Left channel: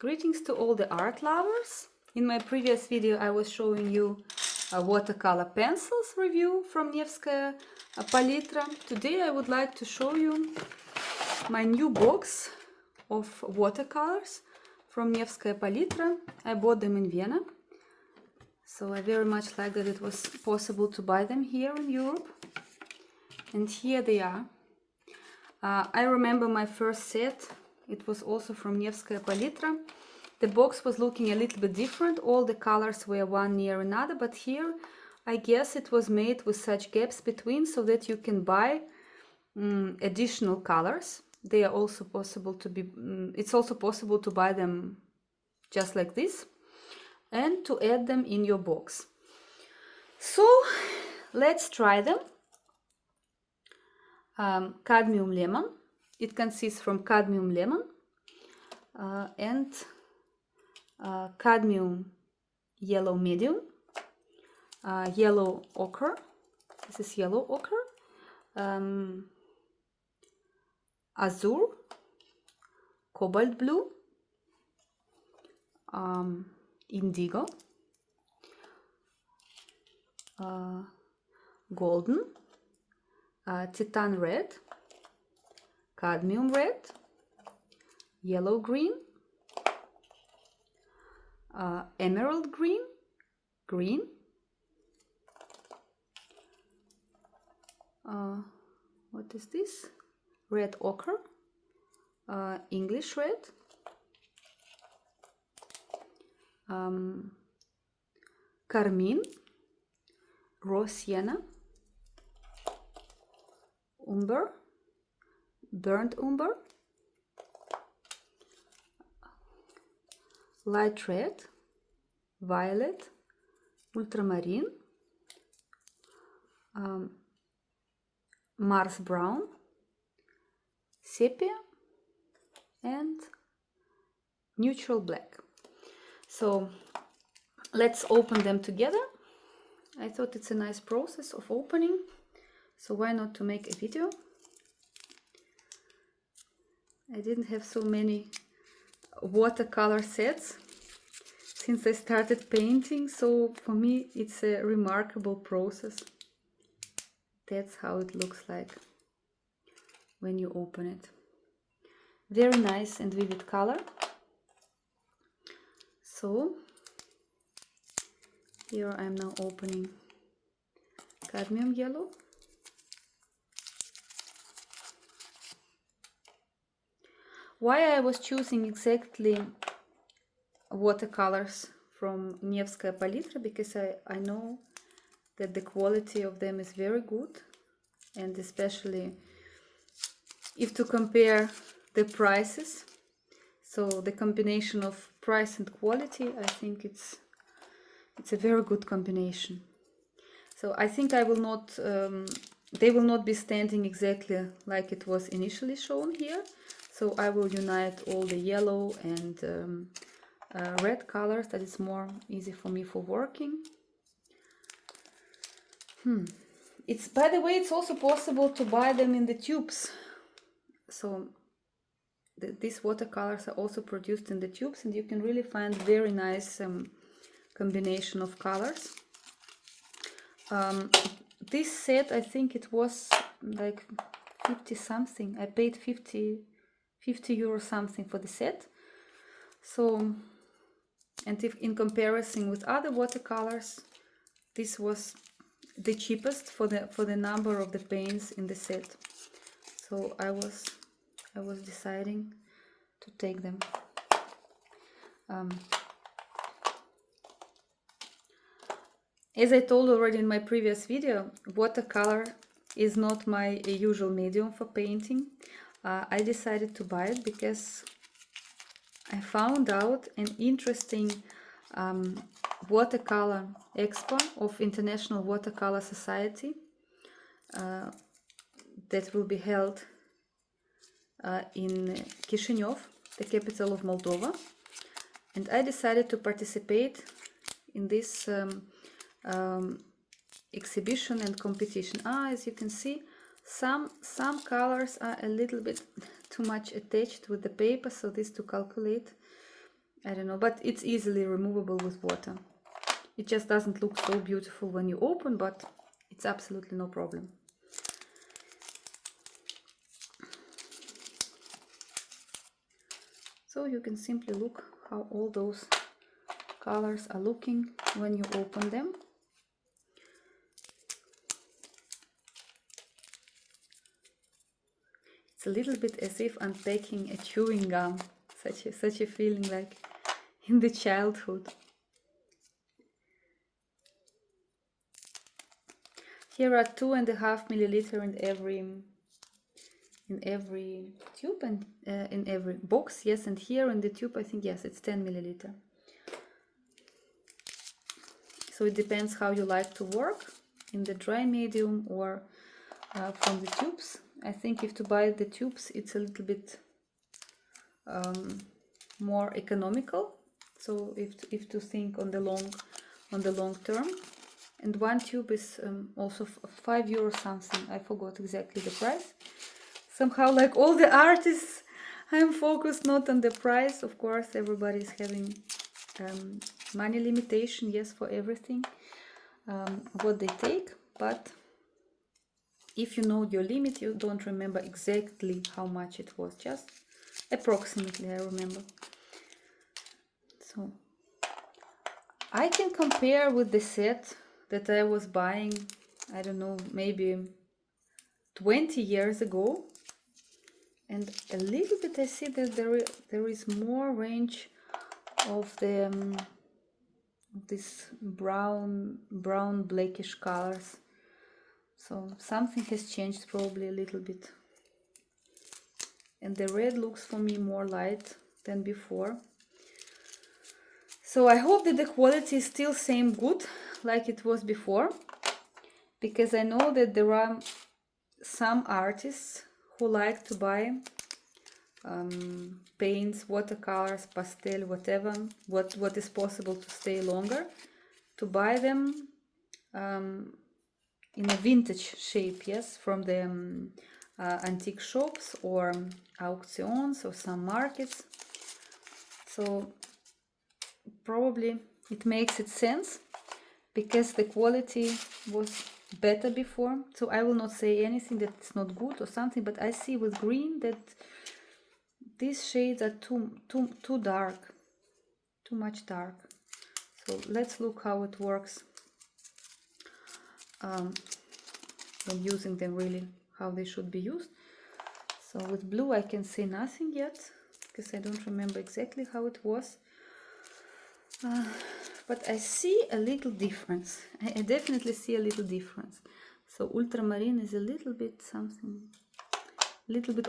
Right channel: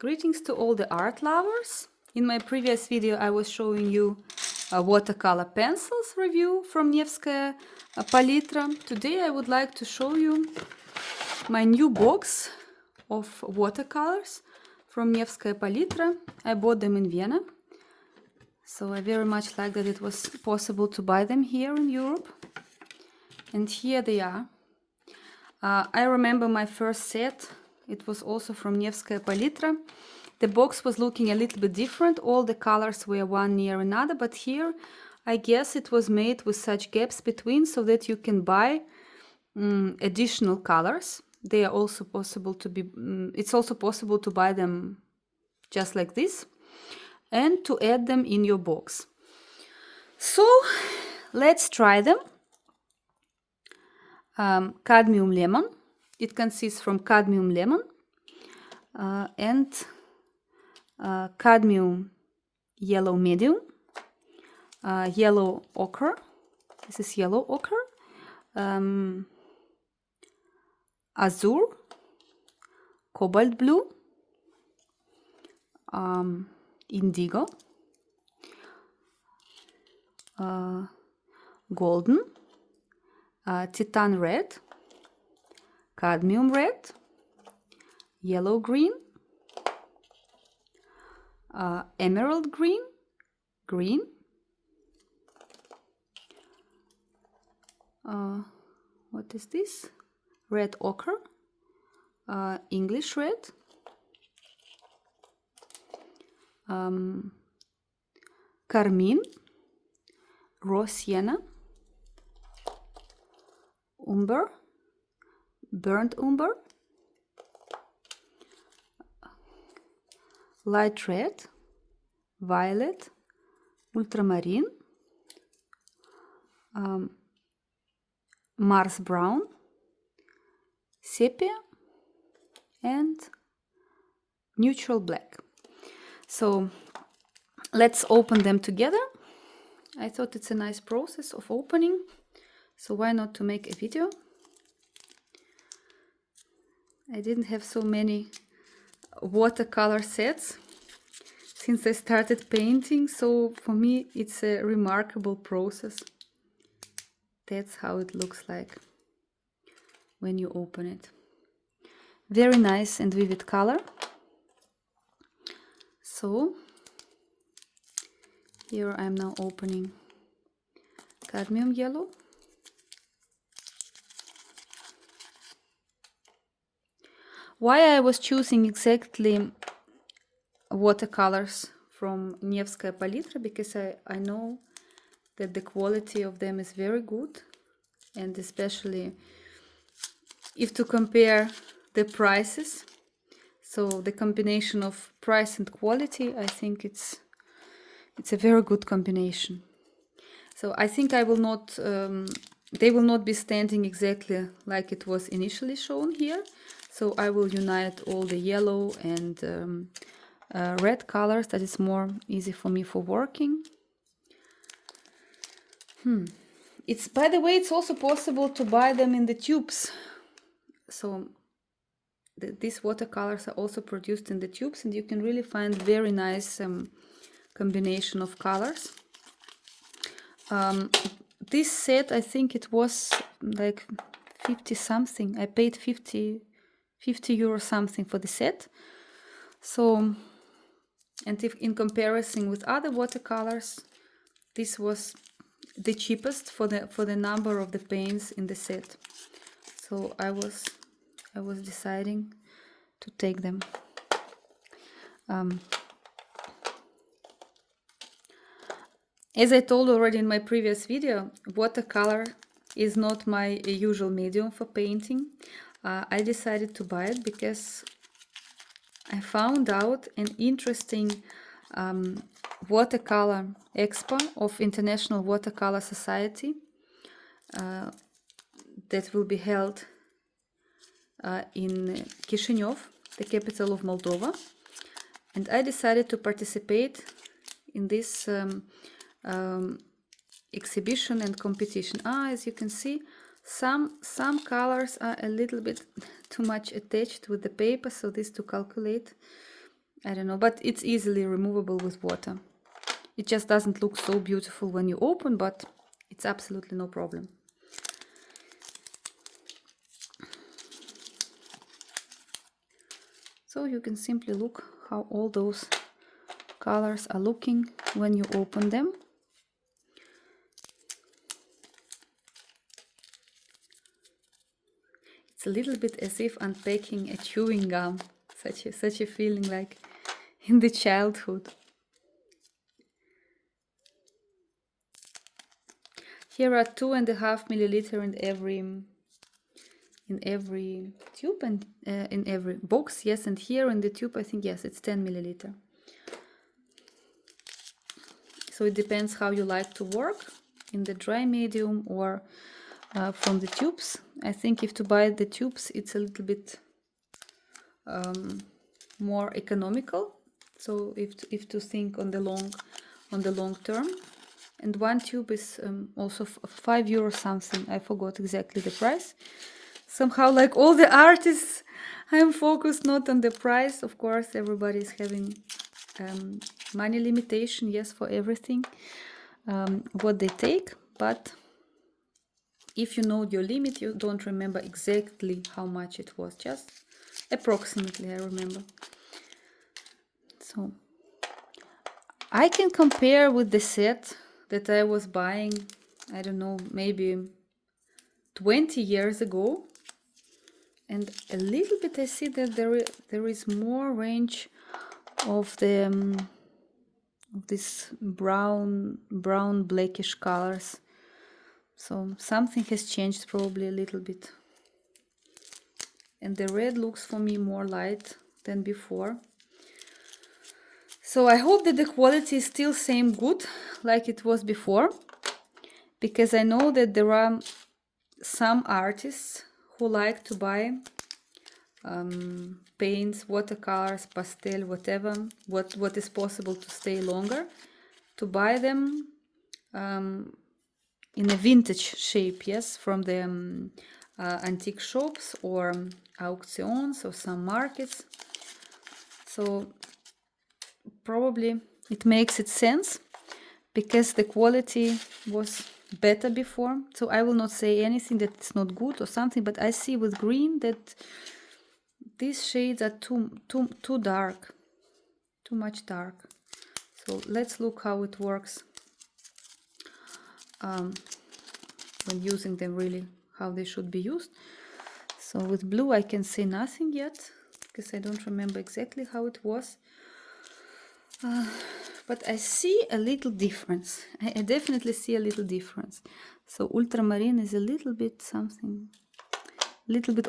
Greetings to all the art lovers. In my previous video I was showing you a watercolor pencils review from Nevskaya Palitra. Today I would like to show you my new box of watercolors from Невская Palitra. I bought them in Vienna, so I very much like that it was possible to buy them here in Europe. And here they are. I remember my first set. It was also from Невская Palitra. The box was looking a little bit different. All the colors were one near another, but here I guess it was made with such gaps between so that you can buy additional colors. They are also possible to be, it's also possible to buy them just like this and to add them in your box. So let's try them. Cadmium lemon. It consists from cadmium lemon and cadmium yellow medium, yellow ochre. This is yellow ochre, azure, cobalt blue, indigo, golden, titan red, cadmium red, yellow green, emerald green, green, what is this? Red ochre, English red, carmine, raw sienna, umber, burnt umber, light red, violet, ultramarine, Mars brown, sepia, and neutral black. So let's open them together. I thought it's a nice process of opening, so why not to make a video? I didn't have so many watercolor sets since I started painting, so for me it's a remarkable process. That's how it looks like when you open it. Very nice and vivid color. So here I'm now opening cadmium yellow. Why I was choosing exactly watercolors from Невская Palitra, because I know that the quality of them is very good, and especially if to compare the prices, so the combination of price and quality, I think it's a very good combination. So I think I will not they will not be standing exactly like it was initially shown here. So I will unite all the yellow and red colors, that is more easy for me for working. It's, by the way, it's also possible to buy them in the tubes. So these watercolors are also produced in the tubes, and you can really find very nice combination of colors. This set, I think it was like 50 something. I paid 50 euro something for the set. So, and if in comparison with other watercolors, this was the cheapest for the number of the paints in the set. So I was deciding to take them. As I told already in my previous video, watercolor is not my usual medium for painting. I decided to buy it because I found out an interesting watercolor expo of International Watercolor Society that will be held in Chisinau, the capital of Moldova, and I decided to participate in this exhibition and competition. As you can see, some colors are a little bit too much attached with the paper, so this to calculate I don't know, but it's easily removable with water. It just doesn't look so beautiful when you open, but it's absolutely no problem. So you can simply look how all those colors are looking when you open them. It's a little bit as if unpacking a chewing gum, such a feeling like in the childhood. Here are 2.5 milliliter in every tube and in every box, yes, and here in the tube I think, yes, it's 10 milliliter. So it depends how you like to work, in the dry medium or from the tubes. I think if to buy the tubes, it's a little bit more economical. So if to think on the long term, and one tube is also €5 something. I forgot exactly the price. Somehow, like all the artists, I'm focused not on the price. Of course, everybody is having money limitation, yes, for everything what they take, but if you know your limit, you don't remember exactly how much it was, just approximately I remember. So I can compare with the set that I was buying, I don't know, maybe 20 years ago, and a little bit I see that there is more range of the this brown blackish colors. So something has changed probably a little bit. And the red looks for me more light than before. So I hope that the quality is still same good like it was before, because I know that there are some artists who like to buy paints, watercolors, pastel, whatever, what is possible to stay longer, to buy them in a vintage shape, yes, from the antique shops or auctions or some markets. So probably it makes it sense because the quality was better before. So I will not say anything that it's not good or something, but I see with green that these shades are too dark, too much dark. So let's look how it works when using them, really how they should be used. So with blue I can say nothing yet because I don't remember exactly how it was, but I see a little difference. I definitely see a little difference. So ultramarine is a little bit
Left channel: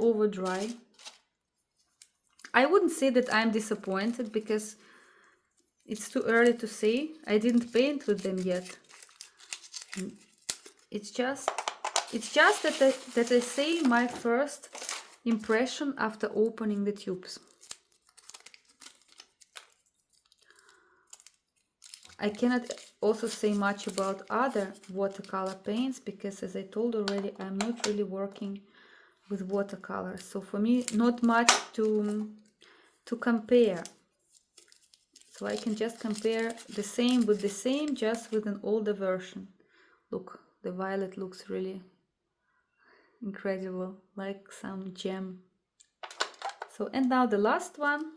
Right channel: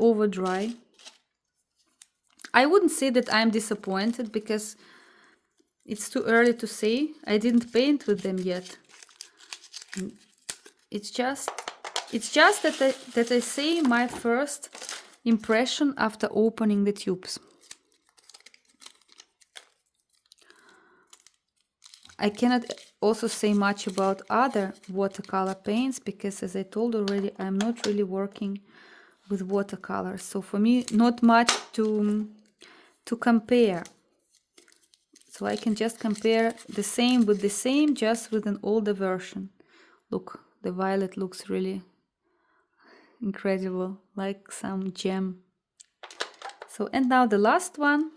over dry. I wouldn't say that I'm disappointed because it's too early to say. I didn't paint with them yet. It's just that I say my first impression after opening the tubes. I cannot also say much about other watercolor paints because, as I told already, I'm not really working with watercolors. So for me, not much to compare. So I can just compare the same with the same, just with an older version. Look, the violet looks really incredible, like some gem. So, and now the last one,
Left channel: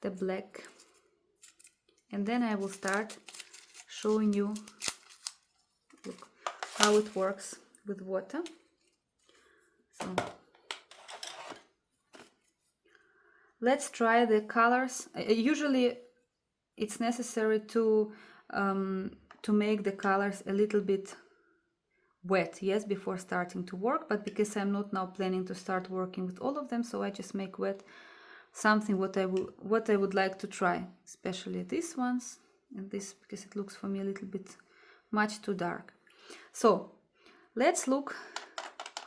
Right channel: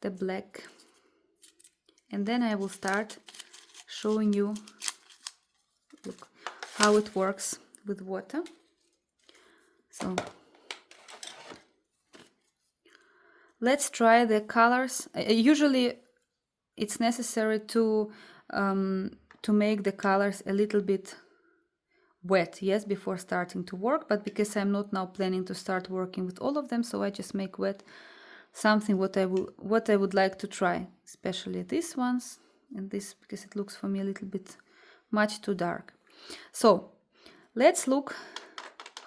the black. And then I will start showing you, look, how it works with water. So let's try the colors. Usually it's necessary to make the colors a little bit wet, yes, before starting to work, but because I'm not now planning to start working with all of them, so I just make wet something what I would like to try, especially these ones and this, because it looks for me a little bit much too dark. So let's look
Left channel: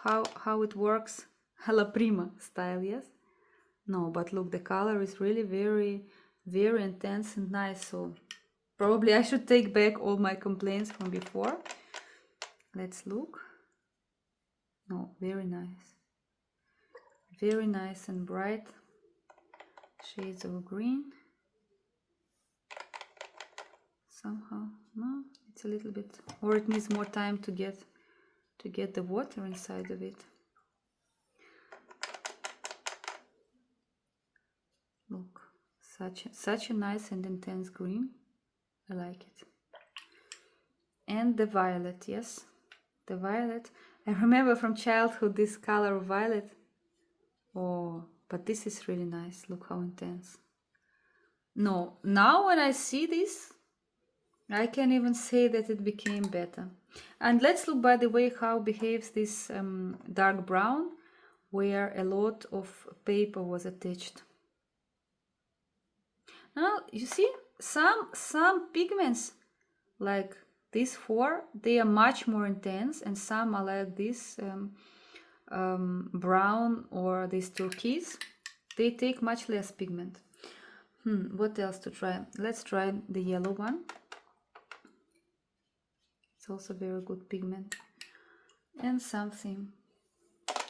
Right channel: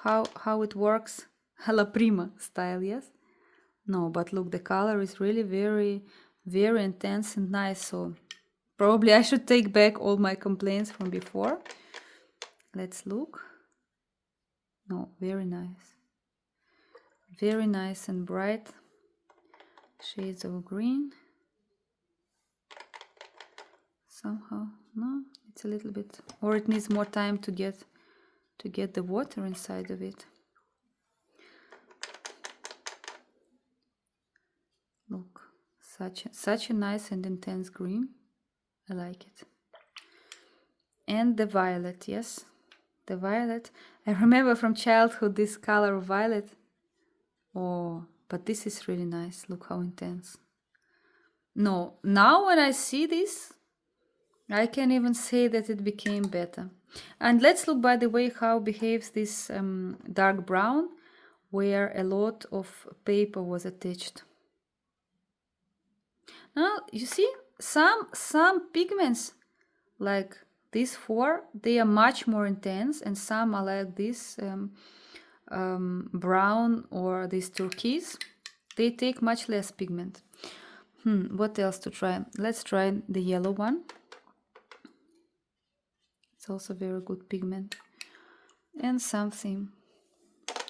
how it works alla prima style, yes. No, but look, the color is really very intense and nice. So probably I should take back all my complaints from before. Let's look. No, very nice and bright. shades of green. Somehow, no, it's a little bit, or it needs more time to get the water inside of it. Look, such a nice and intense green. I like it. And the violet, yes, the violet. I remember from childhood this color violet. Oh, but this is really nice. Look how intense. No, now when I see this, I can even say that it became better. And let's look, by the way, how behaves this dark brown, where a lot of paper was attached. Now, you see, some pigments, like these four, they are much more intense, and some are like this brown or this turquoise. They take much less pigment. What else to try? Let's try the yellow one. It's also very good pigment. And something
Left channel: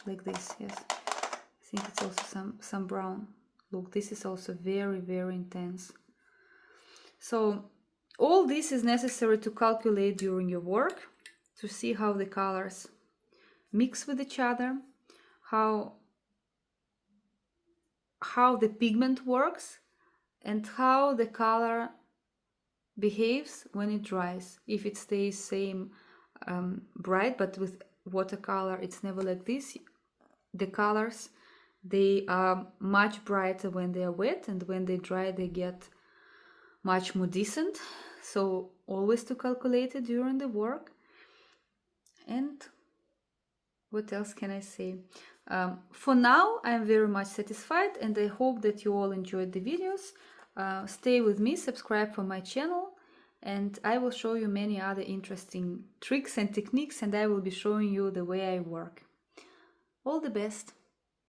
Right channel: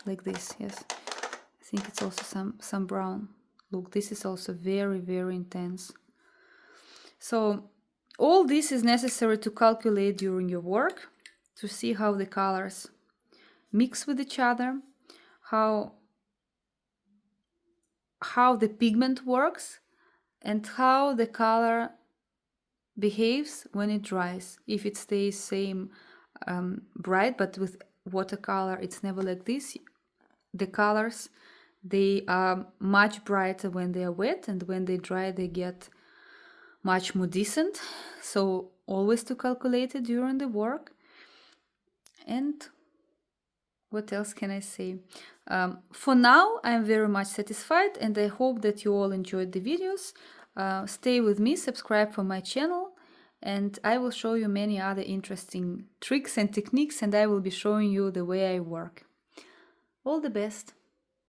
like this, yes. I think it's also some brown. Look, this is also very, very intense. So all this is necessary to calculate during your work, to see how the colors mix with each other, how the pigment works, and how the color behaves when it dries. If it stays same bright, but with watercolor it's never like this. The colors, they are much brighter when they are wet, and when they dry they get much more decent. So always to calculate it during the work. And what else can I say? For now, I'm very much satisfied, and I hope that you all enjoyed the videos. Stay with me, subscribe for my channel, and I will show you many other interesting tricks and techniques, and I will be showing you the way I work. All the best!